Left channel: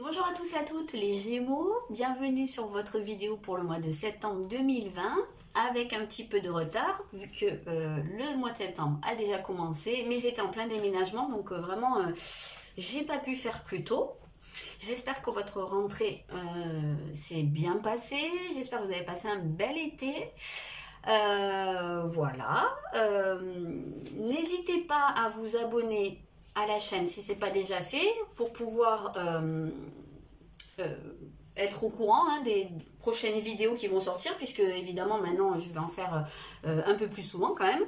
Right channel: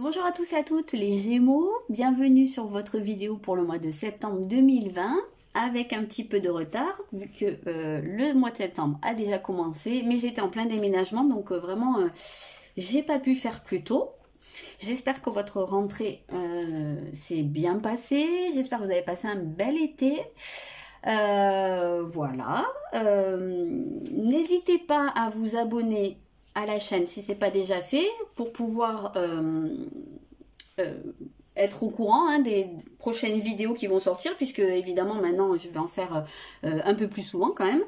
Bonjour à tous et à toutes les Gémeaux, bienvenue sur votre vidéo pour le mois de septembre 2020 avec un petit peu de retard vu que le mois de septembre a déjà commencé mais j'étais en plein déménagement donc vraiment j'ai pas pu faire plus tôt. J'espère que votre rentrée s'est bien passée, j'espère que vous avez passé un bel été. Voilà, n'hésitez pas à vous abonner à la chaîne si ce n'est pas déjà fait pour pouvoir être au courant des prochaines vidéos qui vont sortir, puisque évidemment maintenant je vais en faire un peu plus souvent quand même,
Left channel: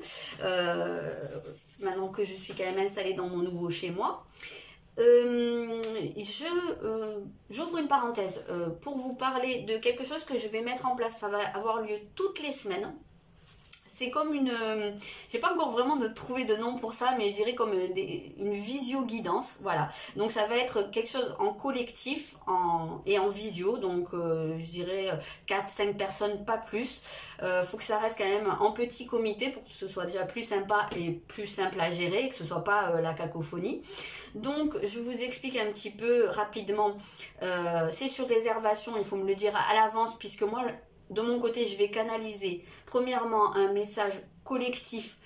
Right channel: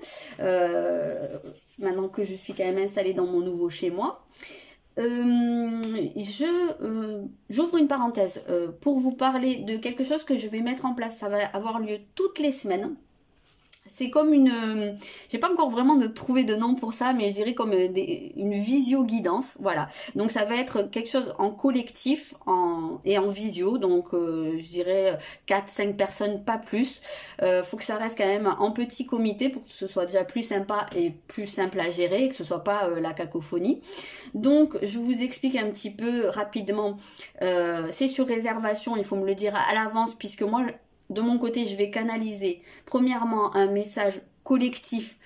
maintenant que je suis quand même installée dans mon nouveau chez moi. J'ouvre une parenthèse pour vous parler de quelque chose que je vais mettre en place. Ça va avoir lieu toutes les semaines. C'est comme une... j'ai pas encore vraiment trouvé de nom pour ça, mais je dirais comme une visio-guidance. Voilà. Donc ça va être quelque chose en collectif et en visio. Donc je dirais 4-5 personnes, pas plus. Faut que ça reste quand même en petit comité pour que ce soit déjà plus sympa et plus simple à gérer, et que ce soit pas la cacophonie. Donc je vous explique un petit peu rapidement. C'est sur réservation, il faut me le dire à l'avance, puisque moi... de mon côté, je vais canaliser premièrement un message collectif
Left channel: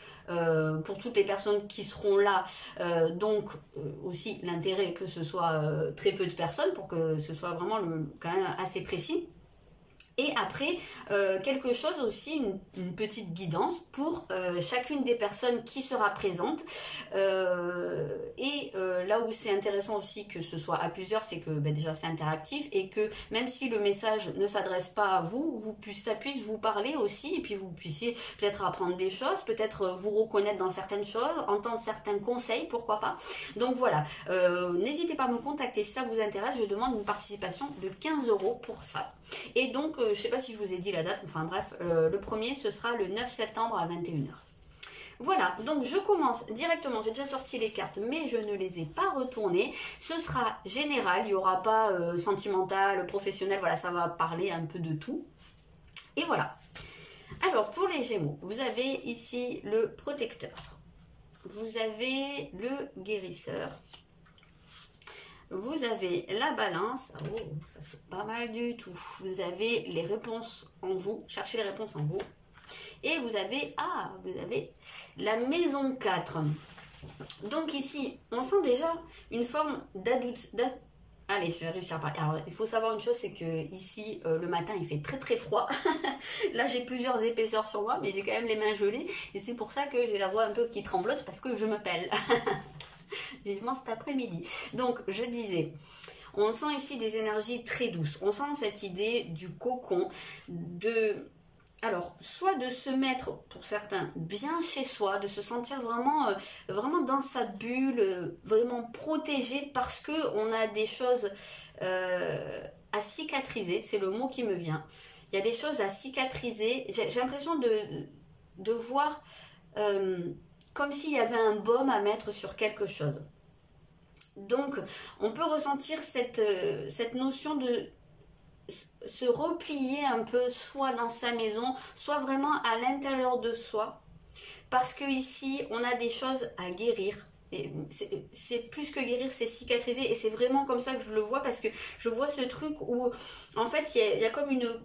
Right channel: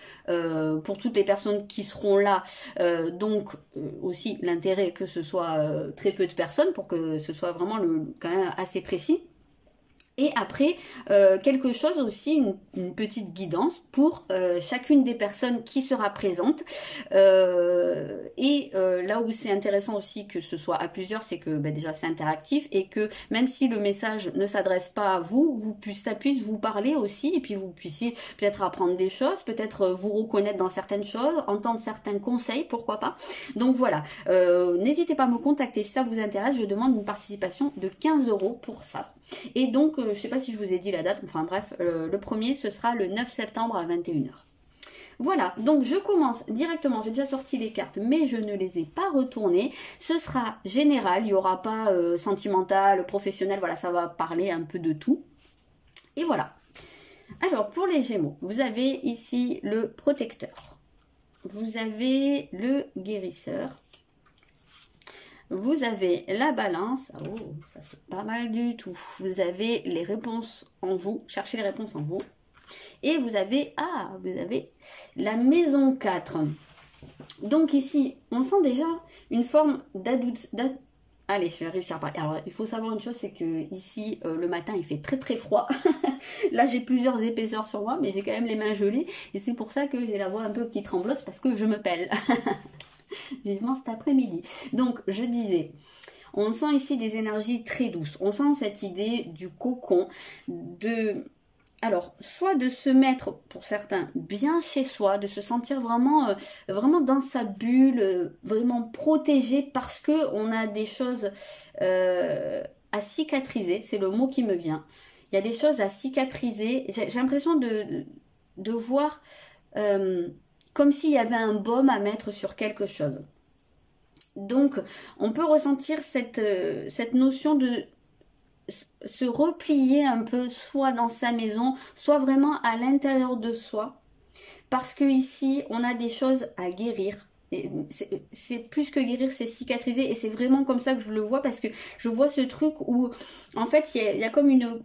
pour toutes les personnes qui seront là. Donc aussi l'intérêt que ce soit très peu de personnes pour que ce soit vraiment quand même assez précis. Et après, quelque chose aussi, une petite guidance pour chacune des personnes qui sera présente. Là où c'est intéressant aussi que ce soit à plusieurs, c'est que déjà c'est interactif et que même si le message ne s'adresse pas à vous, ça puisse vous parler aussi et puis vous puissiez peut-être apprendre des choses, peut-être vous reconnaître dans certaines choses, entendre certains conseils, pourquoi pas. Donc voilà, n'hésitez pas à me contacter si ça vous intéresse, je demande une participation de 15 € pour ça. Et donc, je ne sais pas si je vous ai dit la date, enfin bref, le premier, ce sera le 9 septembre à 21 h. Voilà, donc je commence directement, j'ai déjà sorti les cartes, mais je ne les ai pas retournées. Ce sera général, il n'y aura pas sentimental, professionnel, voilà, ça va parler un peu de tout. Et voilà. Alors, pour les Gémeaux, vous avez ici le protecteur. Vous avez le guérisseur. Vous avez la balance, oh, ça c'est pas mal du tout. Vous avez les réponses en vous, cherchez les réponses en vous. Et vous avez, vous avez la maison 4. Donc ici, on sent déjà une forme d'adoucissement. Allez, je vais réussir à parler. Alors, il faut savoir une chose, c'est que ici, le matin, il fait très très froid. Là, j'ai plusieurs épaisseurs sur moi, mais j'ai quand même les mains gelées. Et c'est pour ça que j'ai la voix un peu qui tremblote, parce que je me pèle. Vivement cet après-midi. Donc, je disais, on sent ici des énergies très douces. On sent cette idée du cocon, alors, soit de se mettre, pour certains, bien chez soi, de se sentir vraiment, vraiment dans sa bulle, vraiment protégé parce qu'on a des choses à cicatriser. C'est le mot qui me vient. Il y a des choses à cicatriser. J'ai l'impression de voir... comme s'il y avait un baume à mettre sur quelque chose. Donc, on peut ressentir cette notion de se replier un peu, soit dans sa maison, soit vraiment à l'intérieur de soi. Parce que ici, on a des choses à guérir. C'est plus que guérir, c'est cicatriser. Et c'est vraiment comme ça que je le vois, parce que je vois ce truc où, en fait, il y a comme une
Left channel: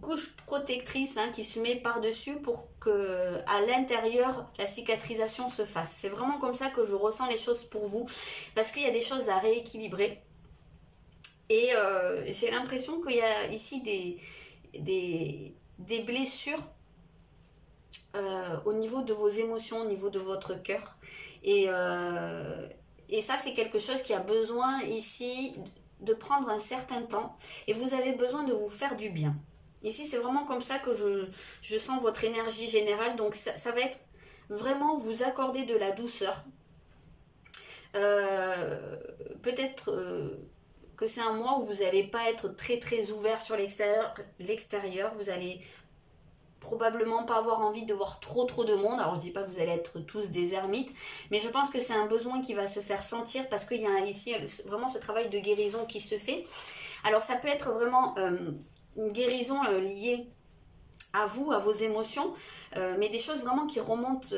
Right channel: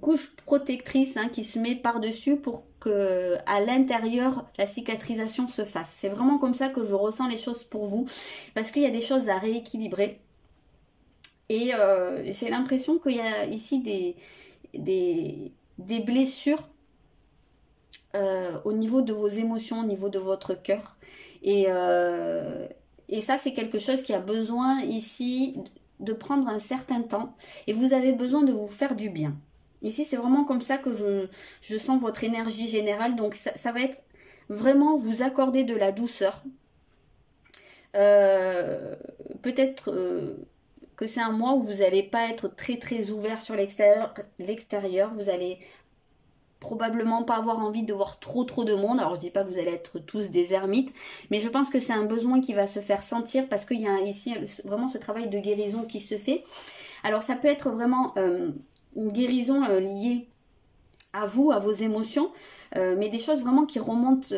couche protectrice qui se met par-dessus pour que à l'intérieur la cicatrisation se fasse. C'est vraiment comme ça que je ressens les choses pour vous, parce qu'il y a des choses à rééquilibrer. Et j'ai l'impression qu'il y a ici des blessures au niveau de vos émotions, au niveau de votre cœur. Et ça, c'est quelque chose qui a besoin ici de prendre un certain temps. Et vous avez besoin de vous faire du bien. Ici, c'est vraiment comme ça que je sens votre énergie générale. Donc, ça va être vraiment vous accorder de la douceur. Peut-être que c'est un mois où vous n'allez pas être très très ouvert sur l'extérieur. Vous allez probablement pas avoir envie de voir trop de monde. Alors, je dis pas que vous allez être tous des ermites, mais je pense que c'est un besoin qui va se faire sentir parce qu'il y a ici vraiment ce travail de guérison qui se fait. Alors, ça peut être vraiment... une guérison liée à vous, à vos émotions, mais des choses vraiment qui remontent,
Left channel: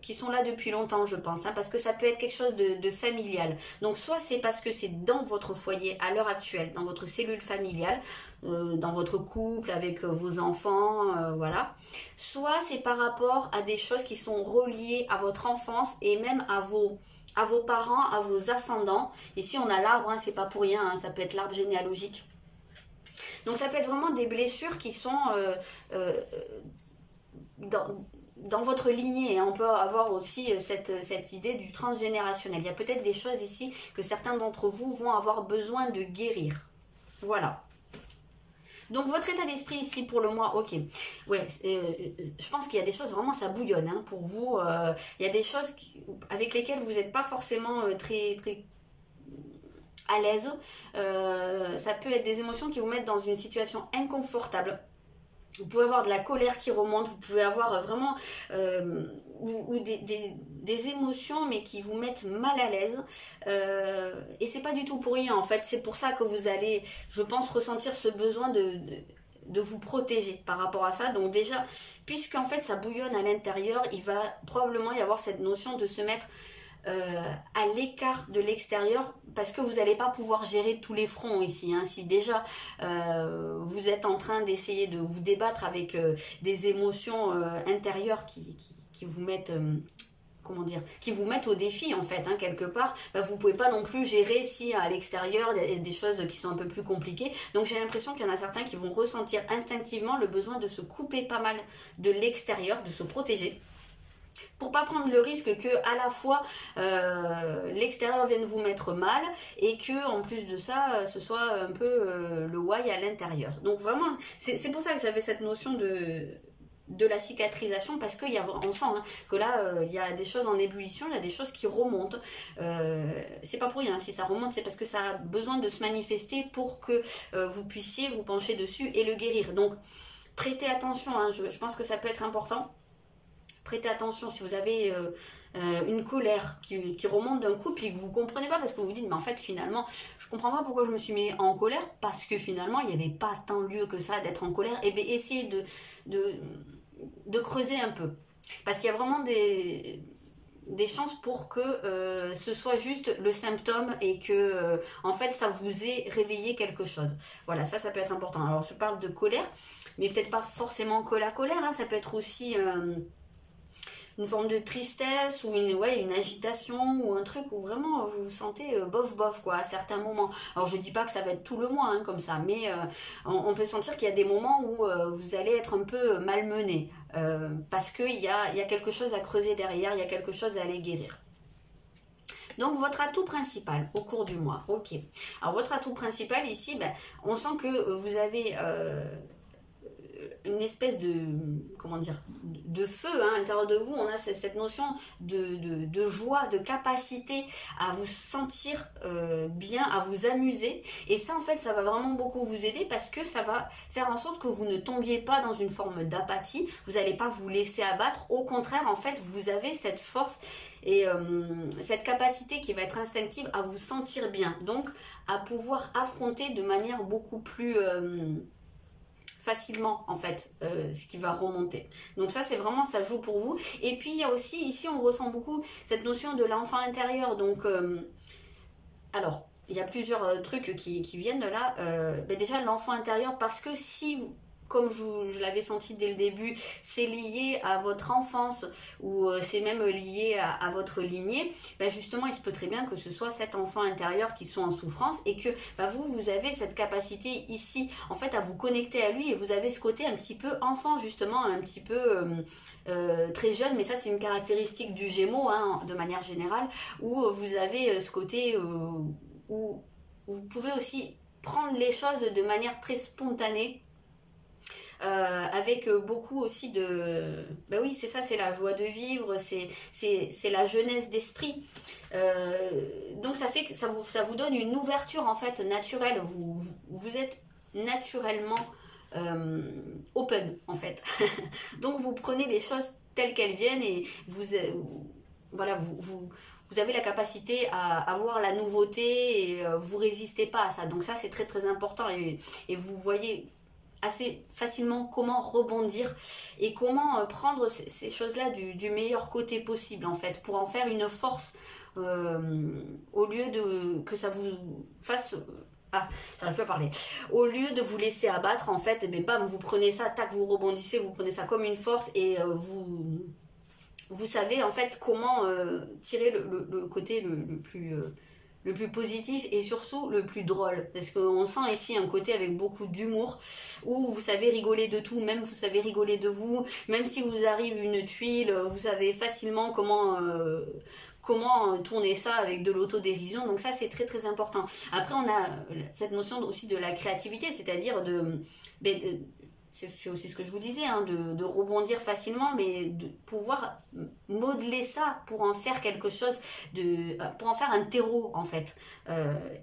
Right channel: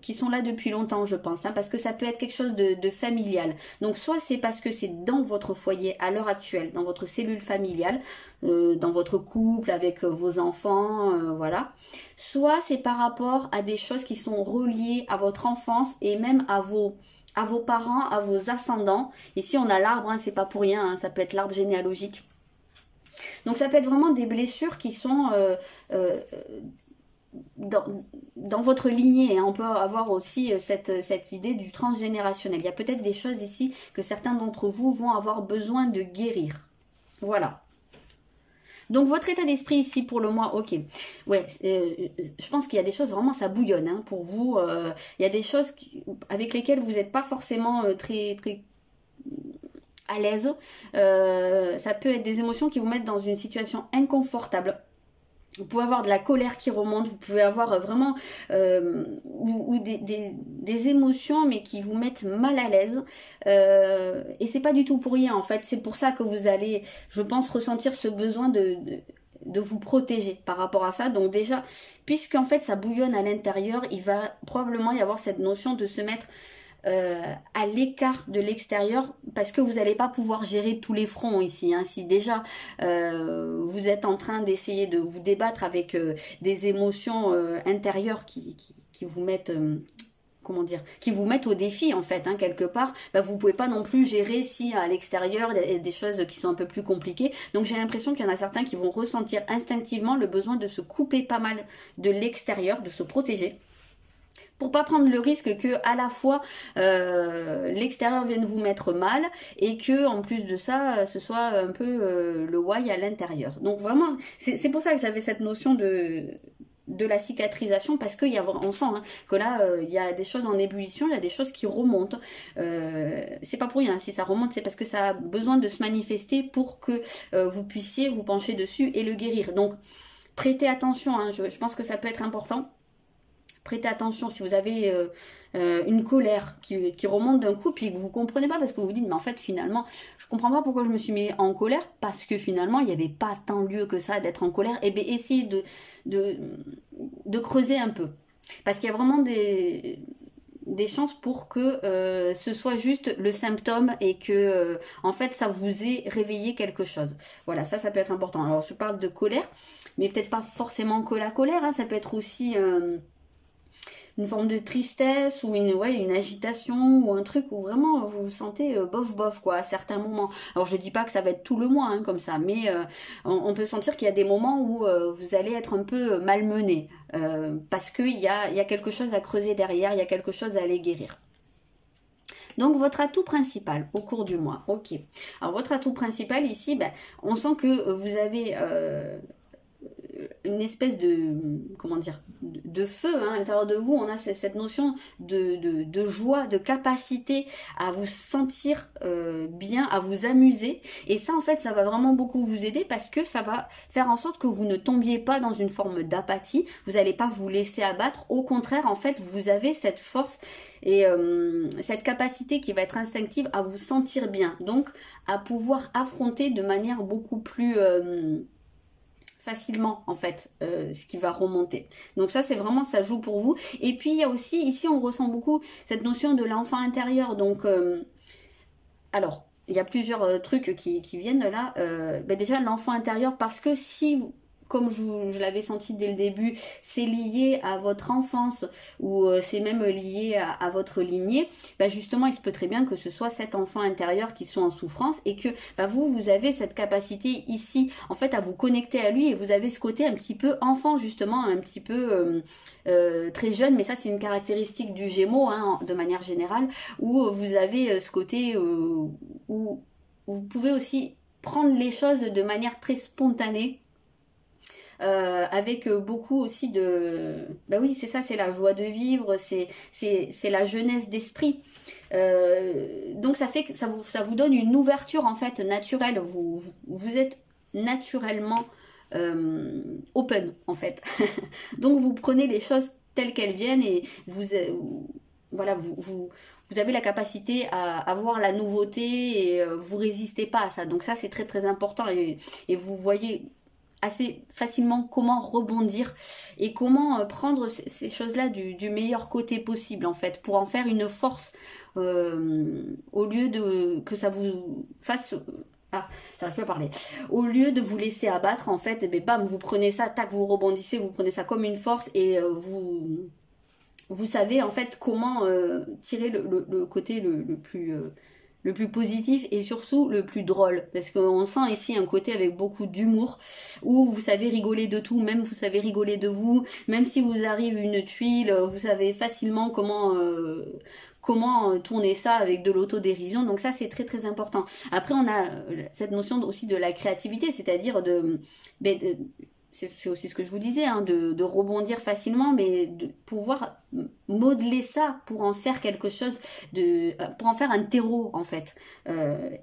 qui sont là depuis longtemps, je pense, hein, parce que ça peut être quelque chose de familial. Donc soit c'est parce que c'est dans votre foyer à l'heure actuelle, dans votre cellule familiale, dans votre couple, avec vos enfants, voilà. Soit c'est par rapport à des choses qui sont reliées à votre enfance et même à vos parents, à vos ascendants. Ici on a l'arbre, hein, c'est pas pour rien, hein, ça peut être l'arbre généalogique. Donc ça peut être vraiment des blessures qui sont dans votre lignée, hein. On peut avoir aussi cette idée du transgénérationnel. Il y a peut-être des choses ici que certains d'entre vous vont avoir besoin de guérir. Voilà. Donc votre état d'esprit ici pour le mois, ok. Ouais, je pense qu'il y a des choses vraiment, ça bouillonne, hein, pour vous. Il y a des choses avec lesquelles vous n'êtes pas forcément très à l'aise. Ça peut être des émotions qui vous mettent dans une situation inconfortable. Vous pouvez avoir de la colère qui remonte, vous pouvez avoir vraiment ou des émotions mais qui vous mettent mal à l'aise. Et c'est pas du tout pour rien en fait. C'est pour ça que vous allez, je pense, ressentir ce besoin de vous protéger par rapport à ça. Donc déjà, puisqu'en fait ça bouillonne à l'intérieur, il va probablement y avoir cette notion de se mettre à l'écart de l'extérieur parce que vous n'allez pas pouvoir gérer tous les fronts ici, hein. Si déjà vous êtes en train d'essayer de vous débattre avec des émotions intérieures qui vous mettent comment dire, qui vous mettent au défi en fait, hein, quelque part, bah, vous pouvez pas non plus gérer si à l'extérieur il y a des choses qui sont un peu plus compliquées. Donc j'ai l'impression qu'il y en a certains qui vont ressentir instinctivement le besoin de se couper pas mal de l'extérieur, de se protéger, pour pas prendre le risque que à la fois l'extérieur vienne vous mettre mal et que en plus de ça ce soit un peu le why à l'intérieur. Donc vraiment c'est pour ça que j'avais cette notion de la cicatrisation, parce qu'on sent hein, que là il y a des choses en ébullition, il y a des choses qui remontent. C'est pas pour rien, si ça remonte c'est parce que ça a besoin de se manifester pour que vous puissiez vous pencher dessus et le guérir. Donc prêtez attention, hein, je pense que ça peut être important. Prêtez attention si vous avez une colère qui remonte d'un coup, puis que vous ne comprenez pas parce que vous vous dites, mais en fait finalement, je ne comprends pas pourquoi je me suis mis en colère, parce que finalement, il n'y avait pas tant lieu que ça d'être en colère. Et bien essayez de creuser un peu. Parce qu'il y a vraiment des chances pour que ce soit juste le symptôme et que en fait ça vous ait réveillé quelque chose. Voilà, ça peut être important. Alors je parle de colère, mais peut-être pas forcément que la colère, hein, ça peut être aussi une forme de tristesse ou une agitation ou un truc où vraiment vous vous sentez bof quoi à certains moments. Alors je dis pas que ça va être tout le mois hein, comme ça, mais on peut sentir qu'il y a des moments où vous allez être un peu malmené parce qu'il y a quelque chose à creuser derrière, il y a quelque chose à aller guérir. Donc votre atout principal au cours du mois, ok. Alors votre atout principal ici, ben, on sent que vous avez une espèce de, comment dire, de feu hein, à l'intérieur de vous. On a cette notion de joie, de capacité à vous sentir bien, à vous amuser. Et ça, en fait, ça va vraiment beaucoup vous aider parce que ça va faire en sorte que vous ne tombiez pas dans une forme d'apathie. Vous n'allez pas vous laisser abattre. Au contraire, en fait, vous avez cette force et cette capacité qui va être instinctive à vous sentir bien. Donc, à pouvoir affronter de manière beaucoup plus facilement en fait ce qui va remonter. Donc ça c'est vraiment, ça joue pour vous. Et puis il y a aussi ici on ressent beaucoup cette notion de l'enfant intérieur. Donc alors il y a plusieurs trucs qui viennent de là. Ben déjà l'enfant intérieur, parce que si vous, comme je l'avais senti dès le début, c'est lié à votre enfance ou c'est même lié à votre lignée, bah justement il se peut très bien que ce soit cet enfant intérieur qui soit en souffrance et que bah vous avez cette capacité ici en fait à vous connecter à lui, et vous avez ce côté un petit peu enfant justement, un petit peu très jeune, mais ça c'est une caractéristique du Gémeaux hein, de manière générale, où vous avez ce côté où vous pouvez aussi prendre les choses de manière très spontanée. Avec beaucoup aussi de... Ben oui, c'est ça, c'est la joie de vivre, c'est la jeunesse d'esprit. Donc ça fait que ça vous donne une ouverture en fait naturelle. Vous êtes naturellement open en fait. Donc vous prenez les choses telles qu'elles viennent et voilà, vous avez la capacité à voir la nouveauté et vous résistez pas à ça. Donc ça c'est très très important et vous voyez assez facilement comment rebondir et comment prendre ces choses-là du meilleur côté possible en fait, pour en faire une force au lieu de que ça vous fasse... Ah, j'arrive plus à parler. Au lieu de vous laisser abattre, en fait, et bam, vous prenez ça, tac, vous rebondissez, vous prenez ça comme une force et vous savez en fait comment tirer le côté le plus positif et surtout le plus drôle, parce qu'on sent ici un côté avec beaucoup d'humour où vous savez rigoler de tout, même vous savez rigoler de vous, même si vous arrive une tuile, vous savez facilement comment tourner ça avec de l'autodérision. Donc ça c'est très très important. Après on a cette notion aussi de la créativité, c'est-à-dire c'est aussi ce que je vous disais, hein, de rebondir facilement, mais de pouvoir modeler ça pour en faire quelque chose, pour en faire un terreau en fait,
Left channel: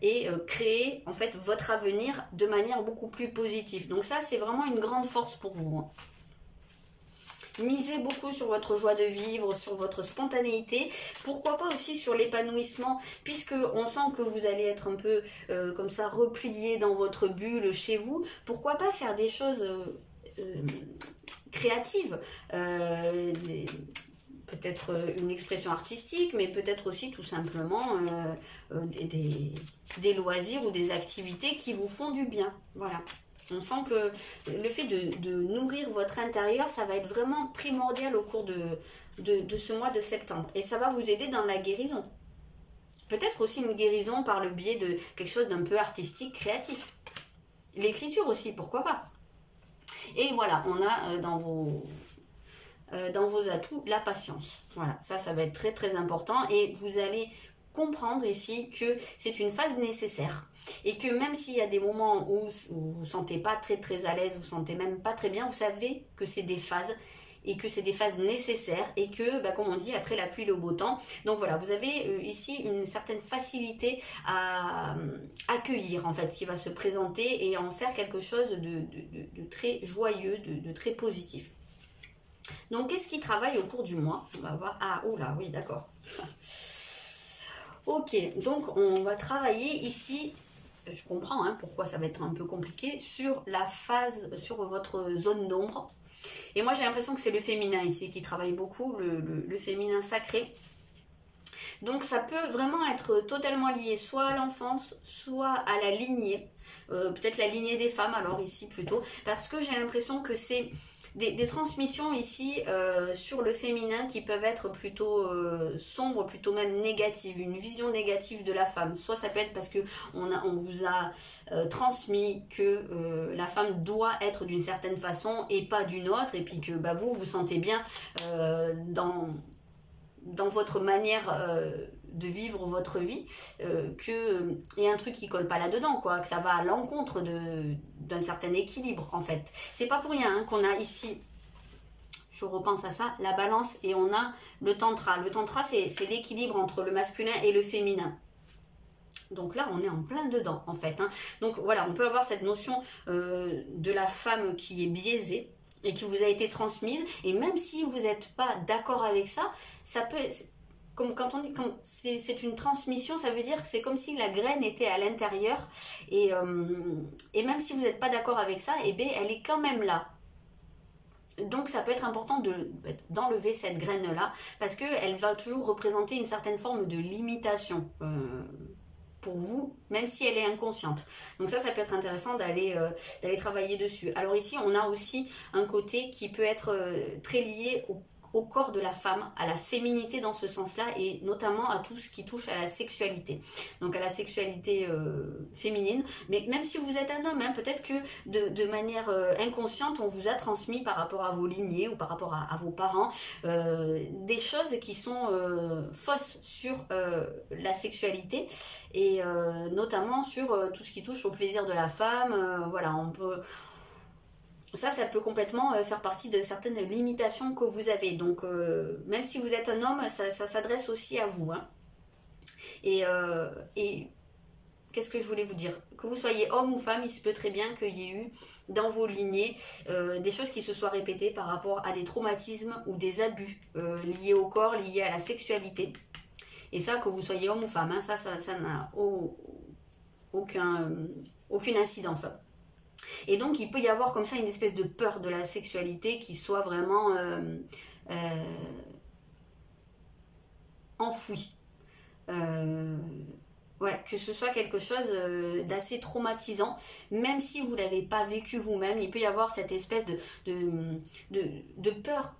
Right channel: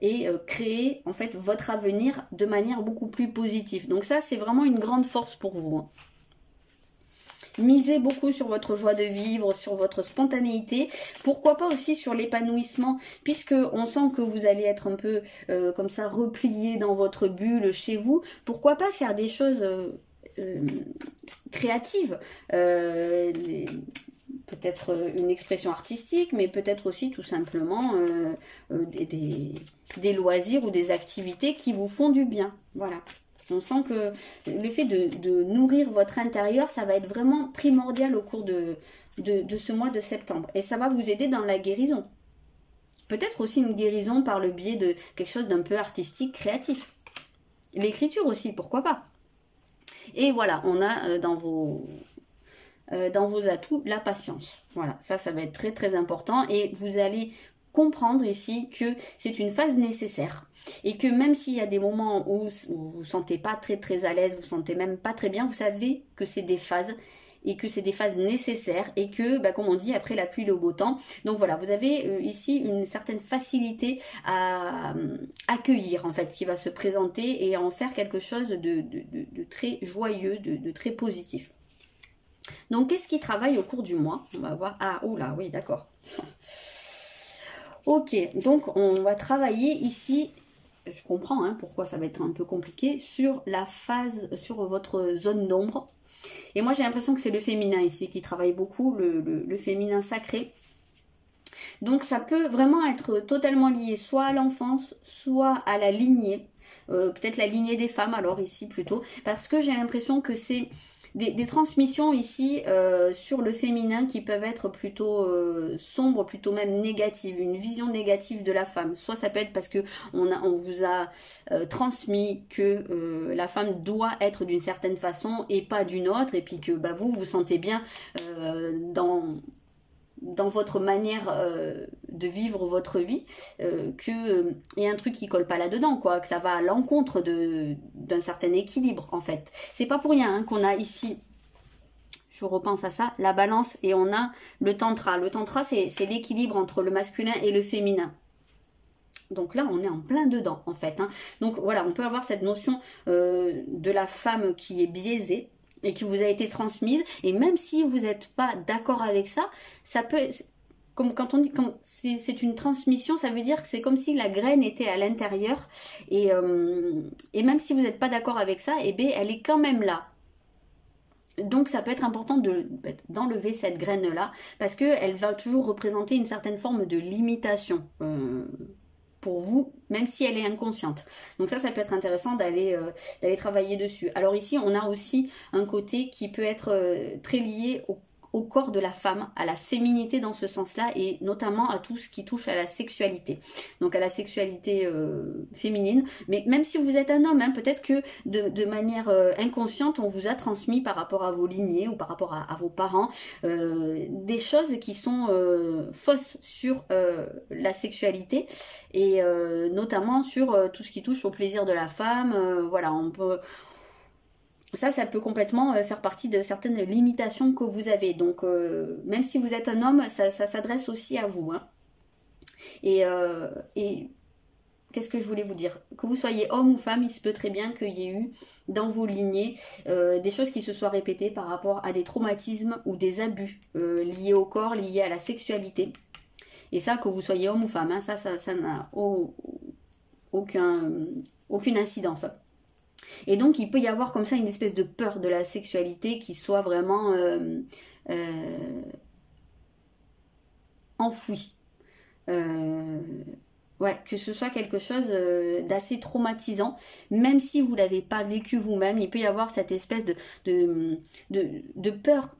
et créer en fait votre avenir de manière beaucoup plus positive. Donc ça c'est vraiment une grande force pour vous, hein. Misez beaucoup sur votre joie de vivre, sur votre spontanéité, pourquoi pas aussi sur l'épanouissement, puisque on sent que vous allez être un peu comme ça replié dans votre bulle chez vous. Pourquoi pas faire des choses créatives, peut-être une expression artistique, mais peut-être aussi tout simplement des loisirs ou des activités qui vous font du bien. Voilà. On sent que le fait de nourrir votre intérieur, ça va être vraiment primordial au cours de ce mois de septembre. Et ça va vous aider dans la guérison. Peut-être aussi une guérison par le biais de quelque chose d'un peu artistique, créatif. L'écriture aussi, pourquoi pas. Et voilà, on a dans vos atouts la patience. Voilà, ça va être très très important. Et vous allez comprendre ici que c'est une phase nécessaire et que même s'il y a des moments où vous vous sentez pas très très à l'aise, vous vous sentez même pas très bien, vous savez que c'est des phases et que c'est des phases nécessaires et que, comme on dit, après la pluie le beau temps. Donc voilà, vous avez ici une certaine facilité à accueillir en fait ce qui va se présenter et à en faire quelque chose de très joyeux, de très positif. Donc qu'est-ce qui travaille au cours du mois? On va voir. Ah, oula, oui, d'accord. Ok, donc on va travailler ici, je comprends pourquoi ça va être un peu compliqué, sur la phase, sur votre zone d'ombre. Et moi j'ai l'impression que c'est le féminin ici qui travaille beaucoup, le féminin sacré. Donc ça peut vraiment être totalement lié soit à l'enfance, soit à la lignée, peut-être la lignée des femmes alors ici plutôt, parce que j'ai l'impression que c'est des transmissions ici sur le féminin qui peuvent être plutôt sombres, plutôt même négatives, une vision négative de la femme. Soit ça peut être parce que on vous a transmis que la femme doit être d'une certaine façon et pas d'une autre, et puis que vous vous sentez bien dans votre manière de vivre votre vie, qu'il y a un truc qui colle pas là-dedans, quoi, que ça va à l'encontre d'un certain équilibre, en fait. C'est pas pour rien qu'on a ici, je repense à ça, la balance, et on a le tantra. Le tantra, c'est l'équilibre entre le masculin et le féminin. Donc là, on est en plein dedans, en fait. Donc voilà, on peut avoir cette notion de la femme qui est biaisée, et qui vous a été transmise, et même si vous n'êtes pas d'accord avec ça, ça peut, comme quand on dit quand c'est une transmission, ça veut dire que c'est comme si la graine était à l'intérieur, et même si vous n'êtes pas d'accord avec ça, elle est quand même là. Donc ça peut être important d'enlever cette graine-là, parce qu'elle va toujours représenter une certaine forme de limitation pour vous, même si elle est inconsciente. Donc ça peut être intéressant d'aller travailler dessus. Alors ici, on a aussi un côté qui peut être très lié au corps de la femme, à la féminité dans ce sens-là, et notamment à tout ce qui touche à la sexualité. Donc à la sexualité féminine. Mais même si vous êtes un homme, peut-être que de manière inconsciente, on vous a transmis par rapport à vos lignées ou par rapport à vos parents des choses qui sont fausses sur la sexualité, et notamment sur tout ce qui touche au plaisir de la femme. Voilà, on peut... Ça peut complètement faire partie de certaines limitations que vous avez. Donc, même si vous êtes un homme, ça s'adresse aussi à vous. Et qu'est-ce que je voulais vous dire? Que vous soyez homme ou femme, il se peut très bien qu'il y ait eu dans vos lignées des choses qui se soient répétées par rapport à des traumatismes ou des abus liés au corps, liés à la sexualité. Et ça, que vous soyez homme ou femme, ça n'a aucune incidence. Et donc il peut y avoir comme ça une espèce de peur de la sexualité qui soit vraiment enfouie. Ouais, que ce soit quelque chose d'assez traumatisant, même si vous ne l'avez pas vécu vous-même, il peut y avoir cette espèce de peur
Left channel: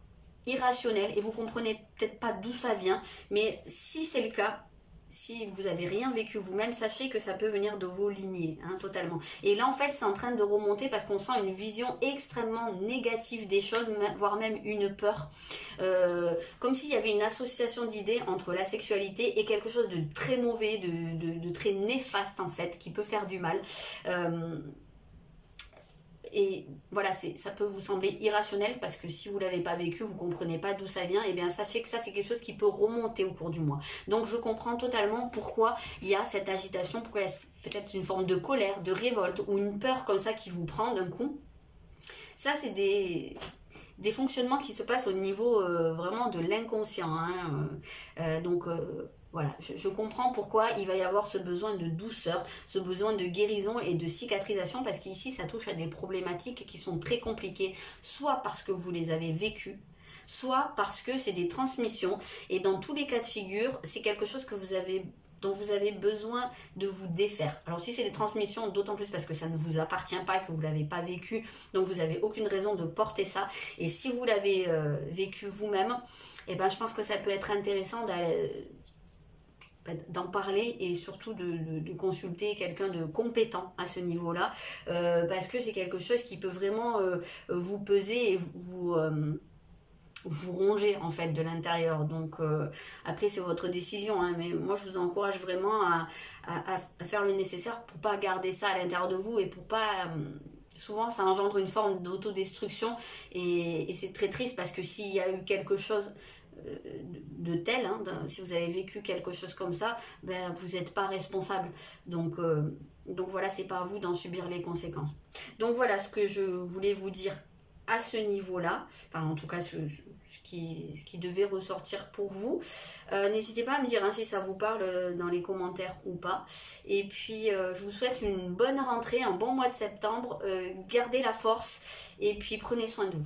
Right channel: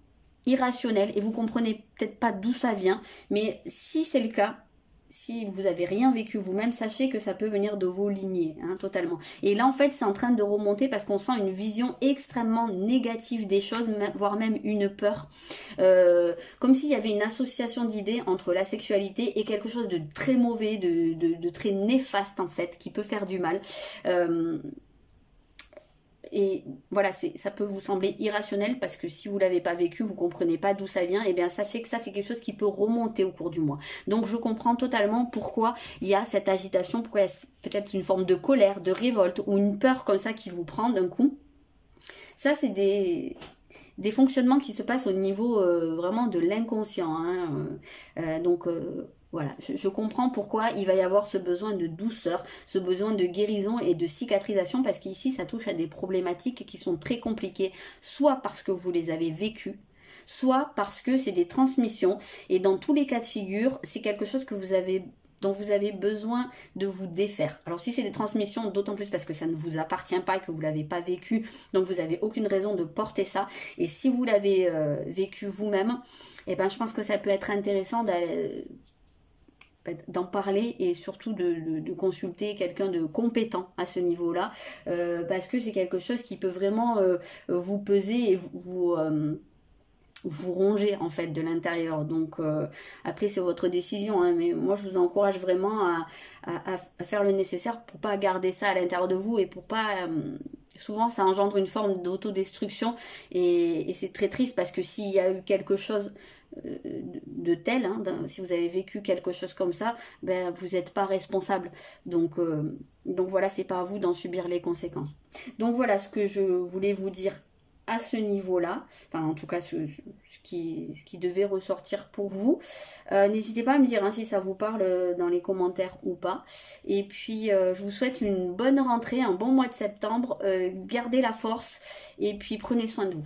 irrationnelle et vous comprenez peut-être pas d'où ça vient, mais si c'est le cas, si vous n'avez rien vécu vous-même, sachez que ça peut venir de vos lignées, hein, totalement. Et là, en fait, c'est en train de remonter parce qu'on sent une vision extrêmement négative des choses, voire même une peur. Comme s'il y avait une association d'idées entre la sexualité et quelque chose de très mauvais, de très néfaste, en fait, qui peut faire du mal. Et voilà, ça peut vous sembler irrationnel parce que si vous ne l'avez pas vécu, vous ne comprenez pas d'où ça vient, et bien sachez que ça c'est quelque chose qui peut remonter au cours du mois. Donc je comprends totalement pourquoi il y a cette agitation, pourquoi il y a peut-être une forme de colère, de révolte ou une peur comme ça qui vous prend d'un coup. Ça c'est des fonctionnements qui se passent au niveau vraiment de l'inconscient. Hein. Voilà, je comprends pourquoi il va y avoir ce besoin de douceur, ce besoin de guérison et de cicatrisation, parce qu'ici ça touche à des problématiques qui sont très compliquées, soit parce que vous les avez vécues, soit parce que c'est des transmissions, et dans tous les cas de figure, c'est quelque chose que dont vous avez besoin de vous défaire. Alors si c'est des transmissions, d'autant plus parce que ça ne vous appartient pas, que vous ne l'avez pas vécu, donc vous n'avez aucune raison de porter ça. Et si vous l'avez vécu vous-même, eh ben, je pense que ça peut être intéressant d'en parler et surtout de consulter quelqu'un de compétent à ce niveau-là, parce que c'est quelque chose qui peut vraiment vous peser et vous ronger en fait de l'intérieur. Donc après c'est votre décision, hein, mais moi je vous encourage vraiment à faire le nécessaire pour pas garder ça à l'intérieur de vous et pour pas souvent ça engendre une forme d'autodestruction et c'est très triste parce que s'il y a eu quelque chose de tel, hein, si vous avez vécu quelque chose comme ça, ben, vous n'êtes pas responsable. Donc voilà, c'est pas à vous d'en subir les conséquences. Donc voilà ce que je voulais vous dire à ce niveau-là, enfin en tout cas ce qui devait ressortir pour vous. N'hésitez pas à me dire hein, si ça vous parle dans les commentaires ou pas. Et puis je vous souhaite une bonne rentrée, un bon mois de septembre. Gardez la force et puis prenez soin de vous.